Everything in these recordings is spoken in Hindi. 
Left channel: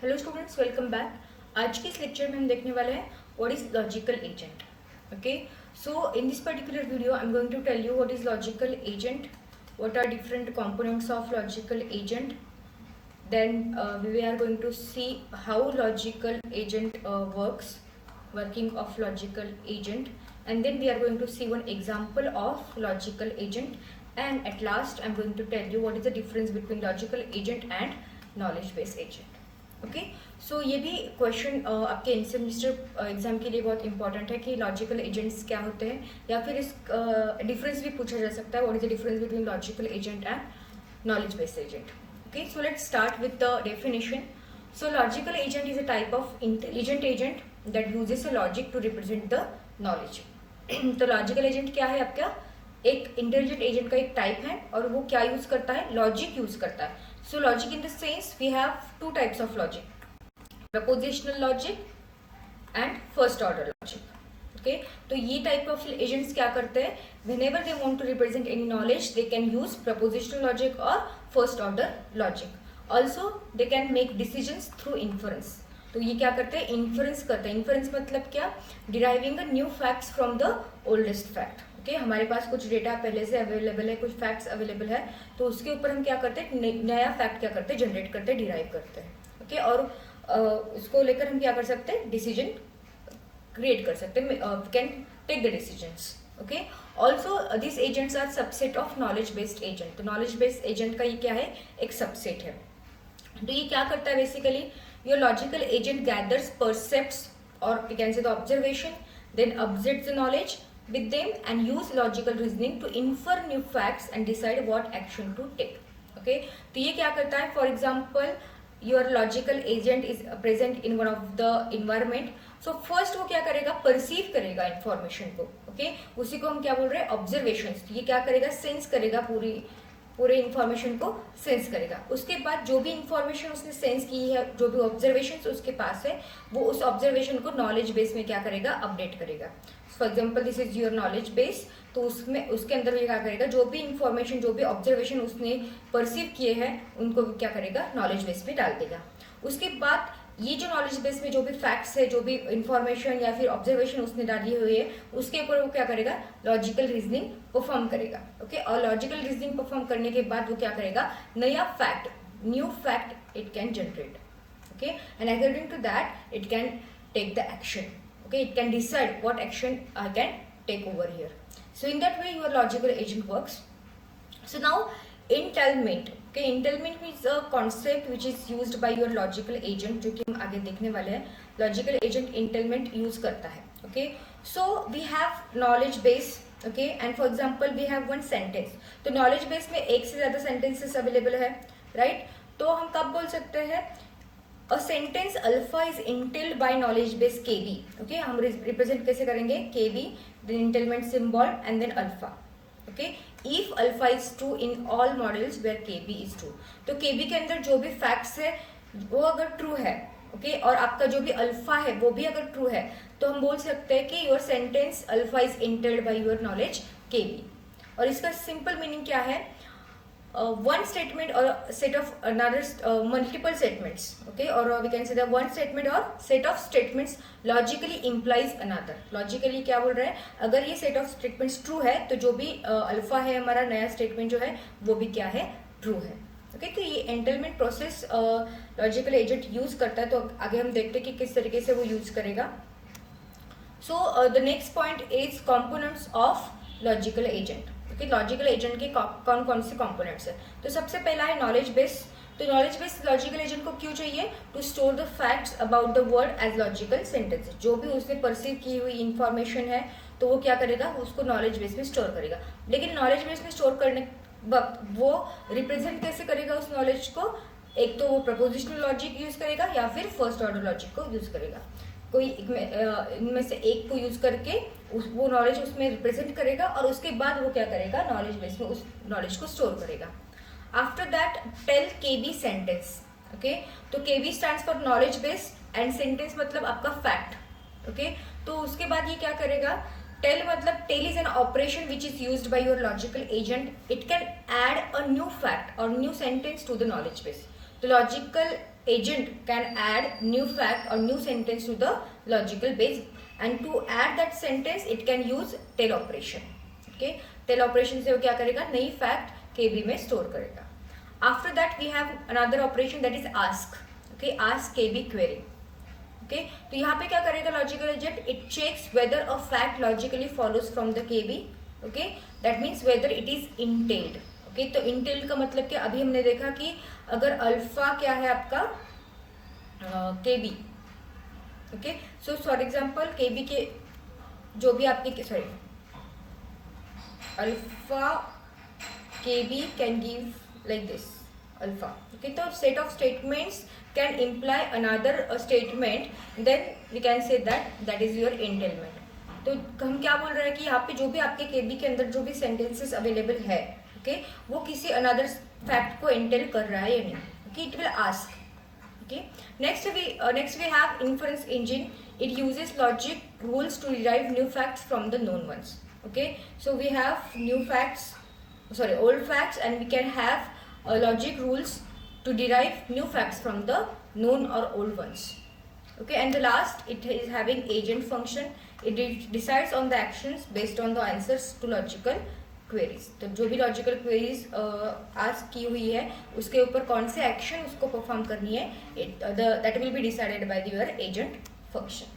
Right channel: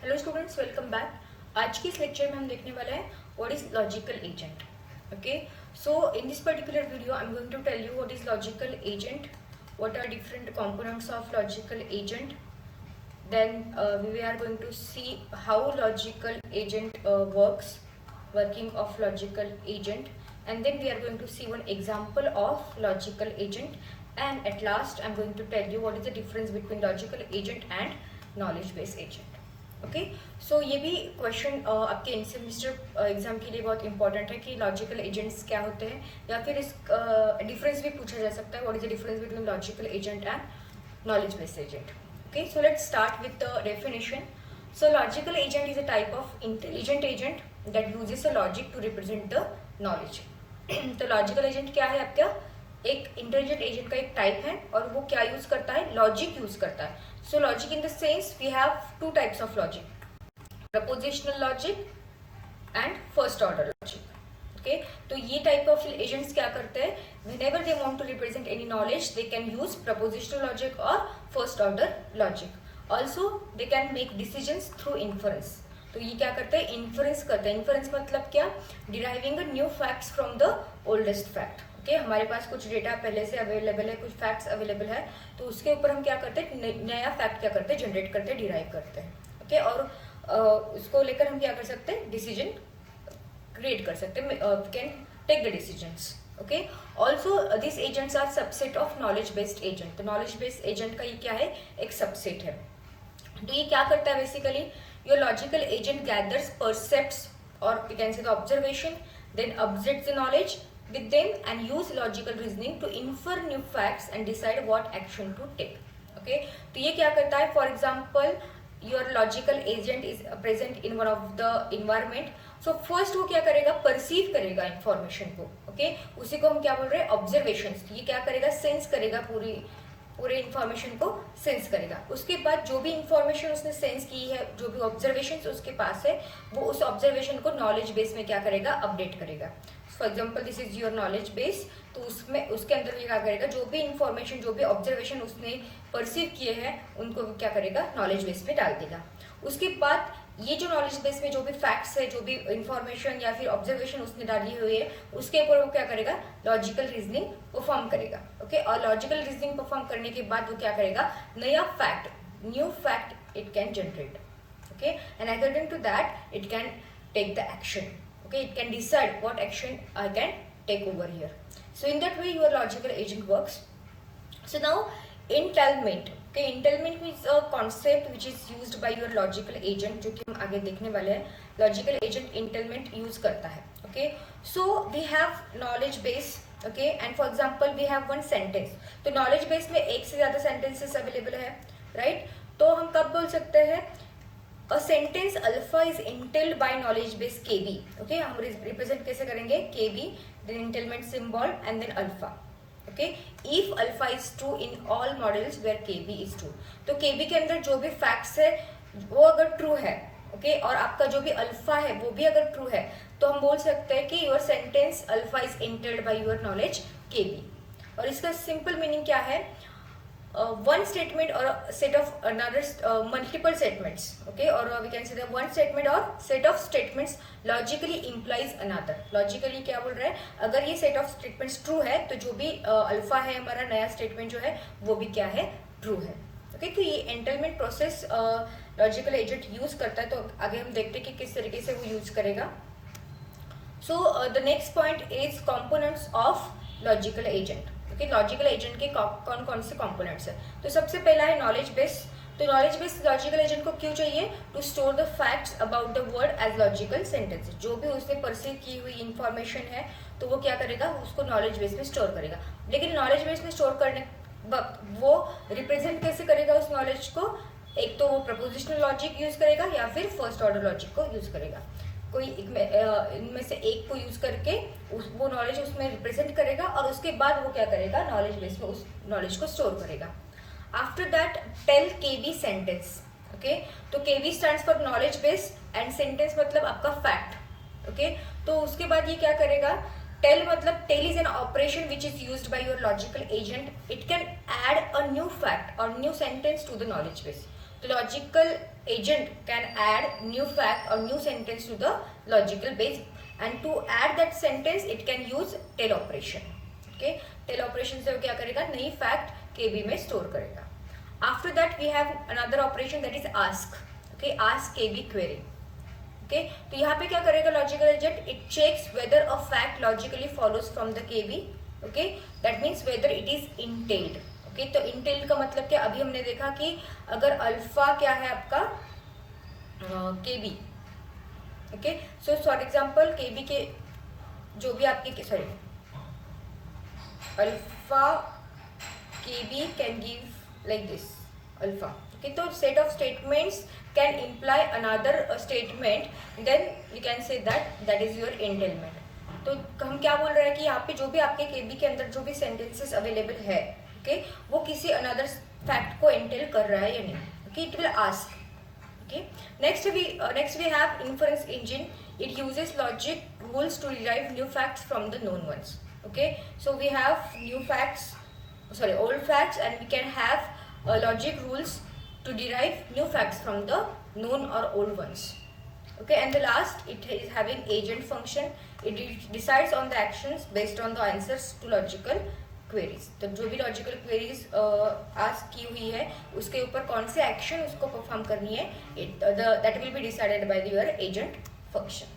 Hello students, welcome back. आज के इस लेक्चर में हम देखने वाले हैं what is logical agent. Okay, so in this particular video I am going to tell you what is logical agent, what are different components of logical agent. Then we are going to see how logical agent working of logical agent, and then we are going to see one example of logical agent, and at last I'm going to tell you what is the difference between logical agent and knowledge based agent. Okay, so ये भी क्वेश्चन आपके इन सेमेस्टर एग्जाम के लिए बहुत इंपॉर्टेंट है कि लॉजिकल एजेंट्स क्या होते हैं, या फिर इस डिफरेंस भी पूछा जा सकता है, what is the difference between logical agent and knowledge based agent. Okay, so let's start with the definition. So logical agent is a type of intelligent agent that uses a logic to represent the knowledge. तो लॉजिकल एजेंट क्या है? आपका एक इंटेलिजेंट एजेंट का एक टाइप है, और वो क्या यूज करता है? लॉजिक यूज करता है. So logic in the sense we have two types of logic, propositional logic and first order logic. Okay, तो ये type of agents क्या करते हैं? Whenever they want to represent any knowledge, they can use propositional logic or first order logic. Also, they can make decisions through inference. तो ये क्या करते हैं? इन्फ्रेंस करते हैं. इन्फ्रेंस मतलब क्या? Deriving new facts from the oldest fact. Okay, हमारे पास कुछ डेटा पहले से अवेलेबल है, कुछ फैक्ट्स अवेलेबल है, तो उसके ऊपर हम क्या करते हैं? नया फैक्ट क्या करते हैं? जनरेट करते हैं, डिराइव करते हैं. ओके, और उसको लेकर हम क्या कर सकते हैं? डिसीजन क्रिएट कर सकते हैं, can take the decisions. Okay, also this agents are subset of knowledge based agent. तो नॉलेज बेस्ड एजेंट का ये क्या है? एक सबसेट है. तो ये क्या करता है? Basically your logical agent gathers, percepts और you can say the observation, then objects the knowledge with them and use logical reasoning to infer new facts and decide what action to take. Okay, तो ये क्या करता है? For example, your logical agent is present in one of the environment. So first वो क्या करेगा? perceive करेगा information को. Okay, उसी को हम क्या बोल रहे हैं? observations. ये क्या करेगा? sense करेगा, पूरे इंफॉर्मेशन को सेंस करेगा. उसके बाद जो भी इंफॉर्मेशन उसने सेंस की है, जो भी ऑब्जर्वेशन उसके पास है, वो उस ऑब्जर्वेशन को नॉलेज बेस में क्या करेगा? अपडेट करेगा. For example this is your knowledge base, तो उसमें उसके अंदर ये क्या करेगा? जो भी इंफॉर्मेशन, जो भी ऑब्जर्वेशन उसने परसीव किए हैं, उनको क्या करेगा? नॉलेज बेस में डाल देगा. उसके बाद ये जो नॉलेज बेस में जो भी फैक्ट्स है, जो भी इंफॉर्मेशन या फिर ऑब्जर्वेशन उसने डाली हुई है, उसके ऊपर वो क्या करेगा? लॉजिकल रीजनिंग परफॉर्म करेगा. ओके, और लॉजिकल रीजनिंग परफॉर्म करने के बाद वो क्या करेगा? नया fact, new fact it can generate. Okay, and according to that it can take the action. Okay, it can decide what action I can take over here. So in that way your logical agent works. So now entailment. Okay, entailment is a concept which is used by your logical agent, जो कि हम आगे देखने वाले हैं. Logical agent entailment use करता है. Okay, so we have knowledge base. Okay, and for example we have one sentence. तो knowledge base में एक से ज्यादा sentences available है, right? तो हम कब बोल सकते हैं? A sentence alpha is entailed by knowledge base KB. Okay, हम represent कैसे करेंगे? KB, then entailment symbol and then alpha. Okay, if alpha is true in all models where KB is true. तो KB के अंदर जो भी facts है वो अगर true है, okay, और आपका जो भी alpha है वो भी अगर true है, तो हम बोल सकते हैं कि your sentence alpha is entailed by your knowledge KB. और इसका simple meaning क्या है? One statement or set of another multiple statements, okay, or we can say that one statement or set of statements logically implies another. Logically क्या बोल रहे हैं? अगर ये set of statements true है, तो जो भी अल्फा है हमारा नया statement जो है वो भी क्या है? true है. okay, तो ये entailment process logical agent use करता है. तो आगे हम देखते हैं कि किस तरीके से वो यूज करेगा. So the next point is components of logical agent. Logical agent के कौन कौन से कंपोनेंट्स है? तो सबसे पहला है नॉलेज बेस. तो नॉलेज बेस लॉजिकल एजेंट को क्यों चाहिए? To store the facts about the world as logical sentences. जो भी उसने परसीव की हुई इंफॉर्मेशन है, तो वो क्या करेगा? उसको नॉलेज बेस में स्टोर करेगा. लेकिन नॉलेज बेस में स्टोर करने वक्त वो रिप्रेजेंट कैसे करेगा उस नॉलेज को? एक तो वो प्रपोजिशनल लॉजिक यूज करेगा या फिर फर्स्ट ऑर्डर लॉजिक को यूज करेगा. कोई इनमें से एक को यूज करके वो नॉलेज उसमें रिप्रेजेंट करेगा, और उसके बाद वो क्या करेगा? नॉलेज बेस में उस नॉलेज को स्टोर करेगा. After that tell KB sentence. Okay, तो KB stands for knowledge base and sentence मतलब आपका फैक्ट. ओके, तो उसके बाद ये क्या करेगा? टेल मतलब tell is an operation which is used by your logical agent. It can add a new fact और new sentence to the knowledge base. तो logical agent can add new fact or new sentence to the logical base, and to add that sentence it can use tell operation. Okay, tell operation से वो क्या करेगा, नई फैक्ट केबी में स्टोर करेगा. After that we have another operation that is ask. Okay, ask KB query. Okay, तो यहाँ पे क्या करेगा logical agent, it checks whether a fact logically follows from the KB. Okay, that means whether it is entailed. Okay, तो इंटेल्ड का मतलब क्या, अभी हमने देखा कि अगर अल्फा क्या है आपका KB. Okay, so for example KB के जो भी आपके sorry alpha KB can give like this alpha. Okay, तो set of statements can imply another statement, then we can say that is your entailment. तो हम क्या बोल रहे हैं कि यहाँ पे जो भी आपके केबी के अंदर जो भी सेंटेंसेस अवेलेबल है, ओके, वो किसी अनदर फैक्ट को एंटेल कर रहा है या नहीं. Okay, it will ask. Okay, next we have inference engine. It uses logic rules to derive new facts from the known ones. Okay, so we have old facts, and we can have logic rules to derive new facts from the known or old ones. Okay, and the last, it is having agent function. It decides on the actions based on the answers to logical queries. तो जो भी लॉजिकल क्वेरीज आस्क की हुई है उसके ऊपर कौन से एक्शन उसको परफॉर्म करनी है, that will be decided by your agent function.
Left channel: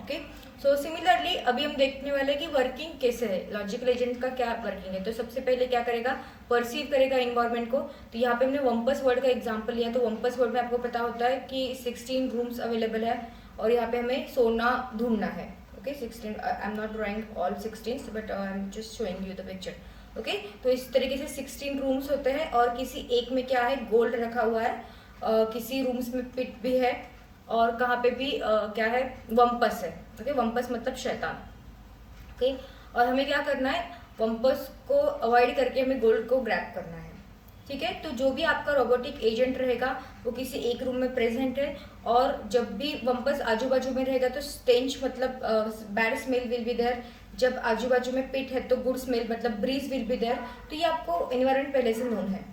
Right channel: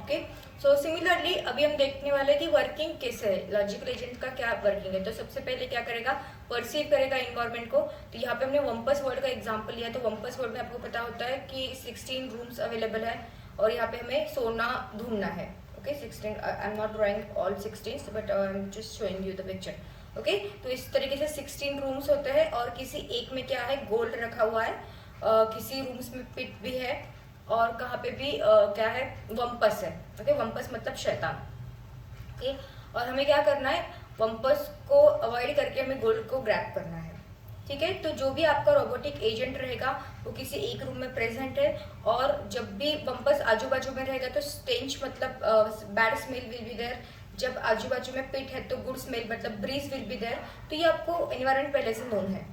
Okay, so similarly अभी हम देखने वाले कि वर्किंग कैसे है, लॉजिकल एजेंट का क्या वर्किंग है. तो सबसे पहले क्या करेगा, परसीव करेगा इन्वायरमेंट को. तो यहाँ पे हमने वम्पस वर्ड का एग्जाम्पल लिया. तो वम्पस वर्ड में आपको पता होता है कि 16 रूम्स अवेलेबल है और यहाँ पे हमें सोना ढूंढना है. Okay, 16. I'm not drawing all 16s, but I'm just showing you the picture. Okay, तो इस तरीके से 16 रूम्स होते हैं और किसी एक में क्या है, गोल्ड रखा हुआ है, किसी रूम्स में पिट भी है और कहाँ पे भी क्या है, वम्पस है. ओके, वम्पस मतलब शैतान. ओके, और हमें क्या करना है, वम्पस को अवॉइड करके हमें गोल्ड को ग्रैब करना है. ठीक है, तो जो भी आपका रोबोटिक एजेंट रहेगा वो किसी एक रूम में प्रेजेंट है, और जब भी वम्पस आजू बाजू में रहेगा तो स्टेंच मतलब bad smell will be there. जब आजू बाजू में पिट है तो गुड स्मेल मतलब ब्रीज विल बी देयर. तो ये आपको एनवायरमेंट पहले से नोन है.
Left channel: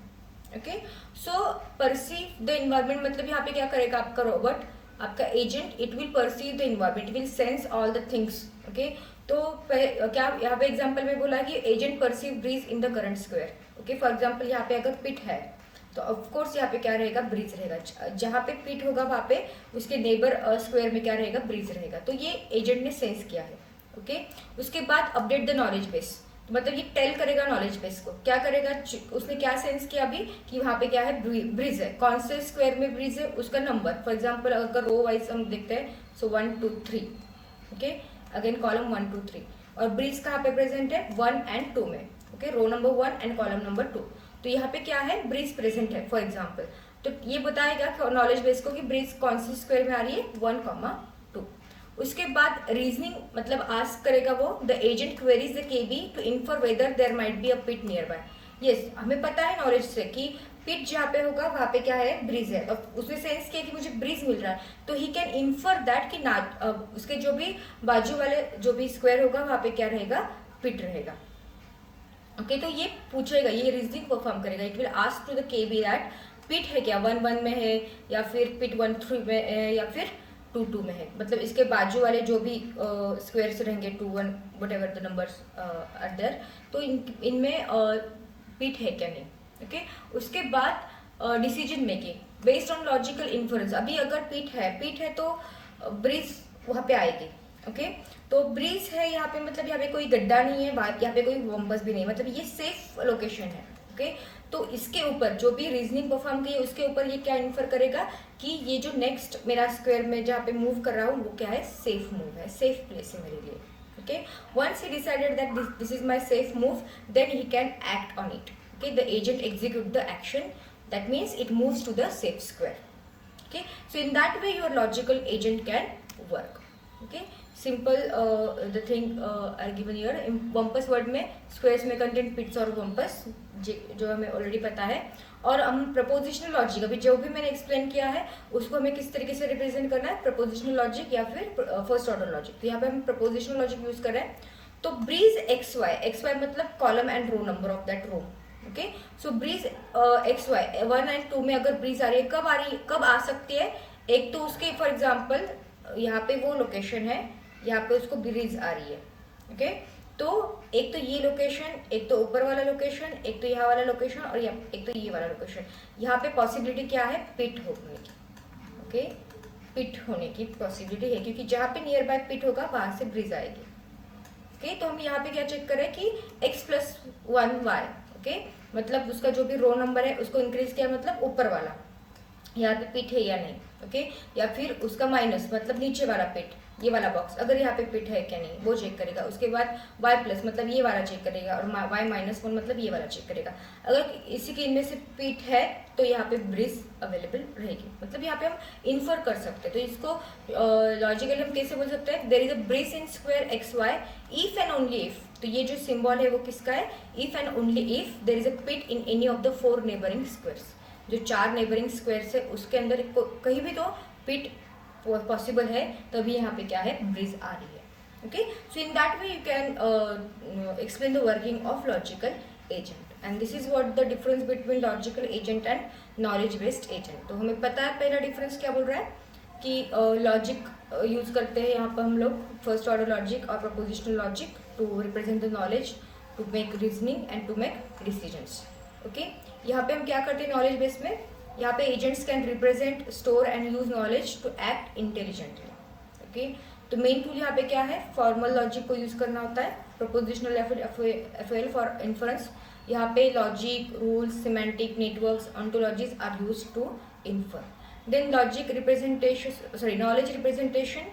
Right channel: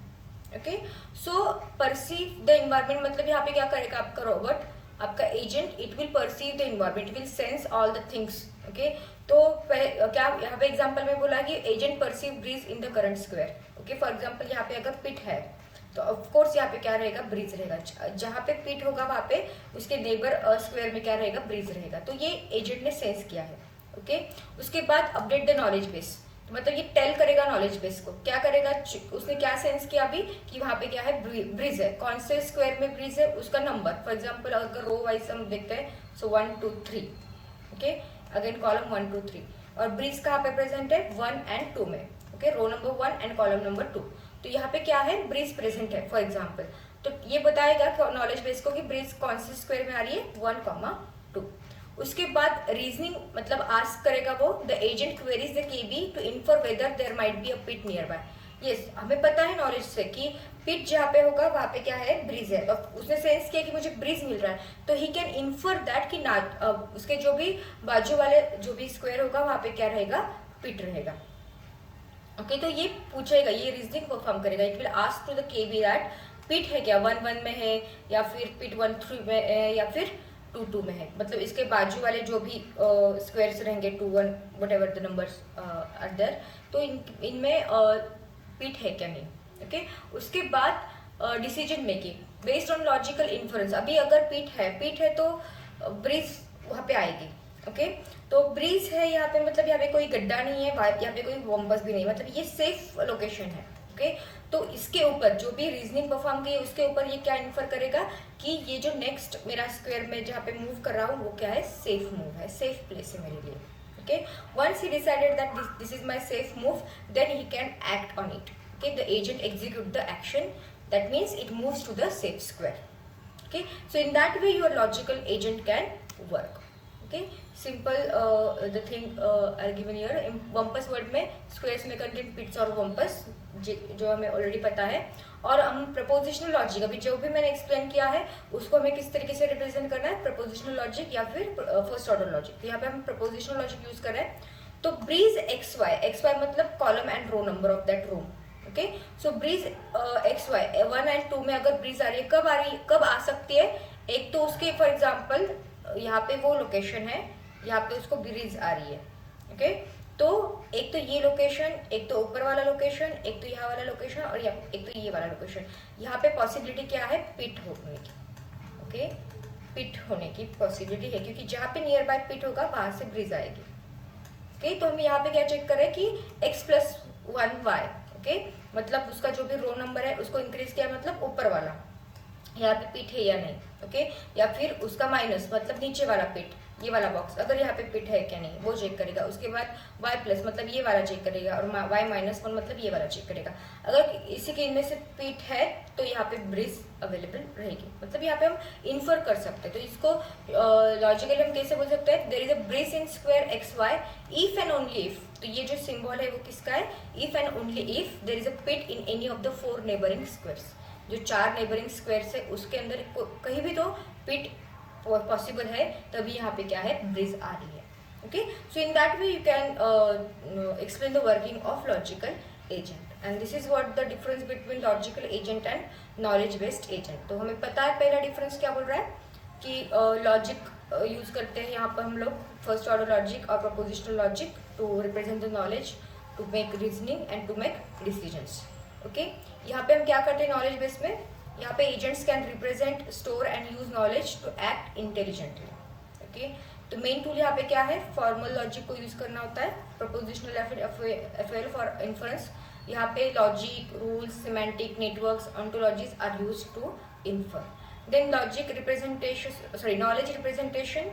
Okay, so perceive the environment मतलब यहाँ पे क्या करेगा आपका रोबोट, आपका agent, it will perceive the environment, it will sense all the things. Okay, तो क्या यहाँ पे एग्जाम्पल में बोला कि agent perceive breeze in the current square. Okay, for example यहाँ पे अगर पिट है तो ऑफकोर्स यहाँ पे क्या रहेगा, ब्रीज रहेगा. जहां पे पिट होगा वहां पे उसके नेबर स्क्वायर में क्या रहेगा, ब्रीज रहेगा. तो ये एजेंट ने सेंस किया है. ओके, उसके बाद अपडेट द नॉलेज बेस, मतलब ये टेल करेगा नॉलेज बेस को. क्या करेगा, उसने क्या सेंस किया अभी कि वहां पे क्या है, ब्रीज है. कौन से स्क्वायर में ब्रीज है, उसका नंबर. फॉर एग्जाम्पल अगर रो वाइज हम देखते हैं, सो 1 2 3. ओके, अगेन कॉलम 1 2 3, और ब्रीज कहाँ पे प्रेजेंट है, 1 and 2 में. Okay, row number 1 and column number 2. तो यहाँ पे क्या है, ब्रीज प्रेजेंट है फॉर एग्जाम्पल. तो ये बताएगा नॉलेज बेस को कि ब्रीज कौन सी स्क्वायर में आ रही है, 1, 2. उसके बाद रीजनिंग मतलब आस्क करेगा वो, the agent queries the KB to infer whether there might be a pit nearby. Yes, हमें पता है नॉलेज से कि पिट जहाँ पे होगा वहां पे क्या है, ब्रीज है. और उसने सेंस किया कि मुझे ब्रीज मिल रहा है, तो ही कैन इन्फर दैट कि उसके जो भी बाजू वाले जो भी स्क्वायर होगा वहां पे क्या रहेगा, पिट रहेगा. ओके, तो ये पूछेगा, ये रीजनिंग परफॉर्म करेगा. It will ask to the KB that pit है क्या, 1 1 में है या फिर पिट 1 3 में है या फिर 2 2 में है. मतलब इसके बाजू वाले जो भी स्क्वायर्स रहेंगे 2 1 whatever the numbers are there, तो इनमें पिट है क्या नहीं. ओके, उसके बाद decision making based on logical influence. अभी अगर पिट है तो ब्रीज वहां पे आएगी. ओके, तो ब्रीज है यहाँ पे मतलब यहाँ पे कोई गड्ढा नहीं है, यहाँ पे कोई वम्पस भी नहीं, मतलब ये सेफ लोकेशन है. ओके, तो इसके ऊपर जो भी रीजनिंग परफॉर्म की है उसके ऊपर ये क्या इन्फर करेगा कि ये जो नेक्स्ट मेरा स्क्वायर में जहाँ पे मूव कर रहा हूँ वो क्या है, सेफ मूव है, सेफ प्लेस है मेरे लिए. Okay, once he decided that this is my safe move, then he can act on it. Okay, the agent execute the action, that means it moves to the safe square. Okay, so in that way your logical agent can work. Okay, simple the thing are given here. Wumpus world में स्क्वायर्स में कंटेन पिट्स और वम्पस जो हमें ऑलरेडी पता है. और हम प्रपोजिशनल लॉजिक, अभी जो भी मैंने एक्सप्लेन किया है उसको हमें किस तरीके से रिप्रेजेंट करना है, प्रपोजिशनल लॉजिक या फिर फर्स्ट ऑर्डर लॉजिक. तो यहाँ पे हम प्रपोजिशनल लॉजिक यूज कर रहे हैं. तो ब्रीज एक्स वाई मतलब column and row number of that room. Okay, so breeze X Y 1 and 2 में अगर ब्रीज आ रही है, कब आ सकती है? एक तो उसके फॉर एग्जाम्पल यहाँ पे वो लोकेशन है, यहाँ पे उसको ब्रीज आ रही है, ओके, तो एक तो ये लोकेशन, एक तो ऊपर वाला लोकेशन, एक तो यहाँ वाला लोकेशन और एक तो ये वाला लोकेशन, यहाँ पे पॉसिबिलिटी क्या है? पिट होने की, ओके, पिट होने की पॉसिबिलिटी है, क्योंकि जहाँ पे नियर बाय पिट होगा वहां से ब्रीज आएगी, ओके। तो हम यहाँ पे क्या चेक करें कि x+1y, ओके, मतलब उसका जो भी रो नंबर है उसको इंक्रीज किया, मतलब ऊपर वाला, यहाँ पे पिट है या नहीं, ओके, या फिर उसका माइनस मतलब नीचे वाला पिट, ये वाला बॉक्स अगर यहाँ पे पिट है क्या नहीं वो चेक करेगा। उसके बाद y+ मतलब ये वाला चेक करेगा और y-1 मतलब ये वाला चेक करेगा। अगर इसी के इनमें से पिट है तो यहाँ पे ब्रीज अवेलेबल रहेगी, मतलब यहाँ पे हम इन्फर कर सकते हैं। तो इसको लॉजिकली हम कैसे बोल सकते हैं? There is a breeze in square XY if and only if, तो ये जो सिंबल है वो किसका है? If and only if there is a pit in any of the 4 neighbouring squares, जो 4 नेबरिंग स्क्वायर्स है उसके अंदर कहीं भी तो पिट पॉसिबल है, तभी यहाँ पे क्या है? ब्रीज आ रही है, okay. So in that way you can explain the working of logical agent, and this is what the difference between logical agent and knowledge based agent. तो हमें पता है पहला डिफरेंस क्या बोल रहा है कि लॉजिक यूज करते हैं यहाँ पर हम लोग, फर्स्ट ऑर्डर लॉजिक और propositional logic to represent the knowledge, to make reasoning and to make decisions, okay. यहाँ पे हम क्या करते हैं नॉलेज बेस में? यहाँ पे agents can represent, store and use knowledge to act intelligently, okay. तो मेन टूल यहाँ पे क्या है? फॉर्मल लॉजिक को यूज करना होता है, प्रपोजिशनल FOL फॉर इन्फरेंस। यहाँ पे logic, rules, semantic, networks, ontologies are use to infer. Then logic representation, sorry knowledge representation,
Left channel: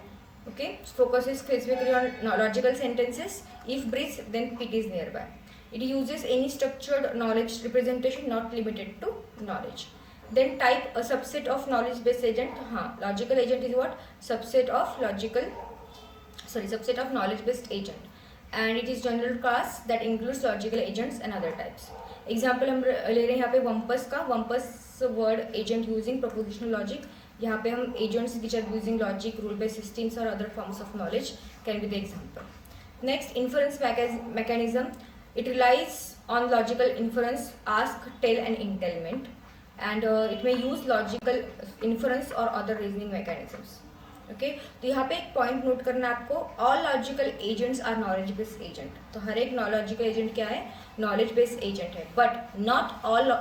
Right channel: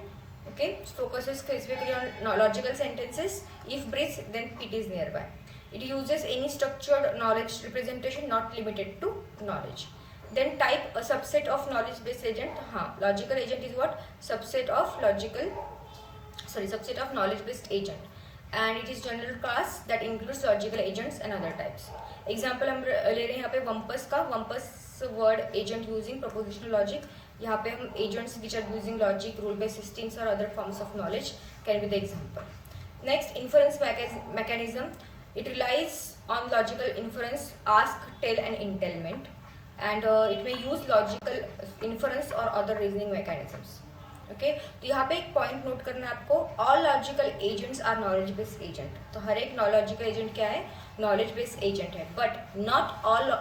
okay, focuses specifically on logical sentences. If breeze, then pit is nearby. It uses any structured knowledge representation, not limited to knowledge. Then type, a subset of knowledge based agent. Logical agent is what? Subset of knowledge based agent, and it is general class that includes logical agents and other types. Example हम ले रहे हैं यहाँ पे वम्पस का, wumpus world agent using propositional logic. यहाँ पे हम agents which are using logic, rule based systems और other forms of knowledge can be the example. Next, inference mechanism. It relies on logical inference, ask, tell and entailment, and it may use logical inference और अदर रीजनिंग मैकेनिज्म्स, ओके। तो यहाँ पे एक पॉइंट नोट करना है आपको, all logical agents are knowledge based agent. तो हर एक लॉजिकल एजेंट क्या है? नॉलेज बेस्ड एजेंट है, but not all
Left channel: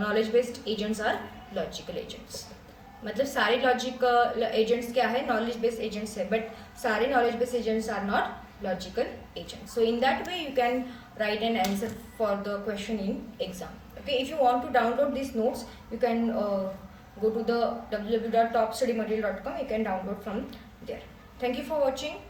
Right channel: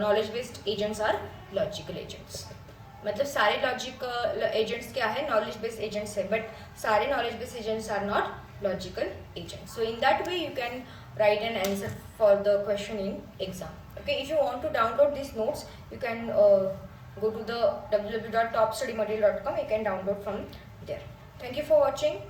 knowledge based agents are logical agents. मतलब सारे लॉजिकल एजेंट्स क्या है? नॉलेज बेस्ड एजेंट्स है, बट सारे knowledge based agents are not logical agents. So in that way you can write an answer for the question in exam, okay. If you want to download these notes, you can go to the www.topstudymaterial.com. You can download from there. Thank you for watching.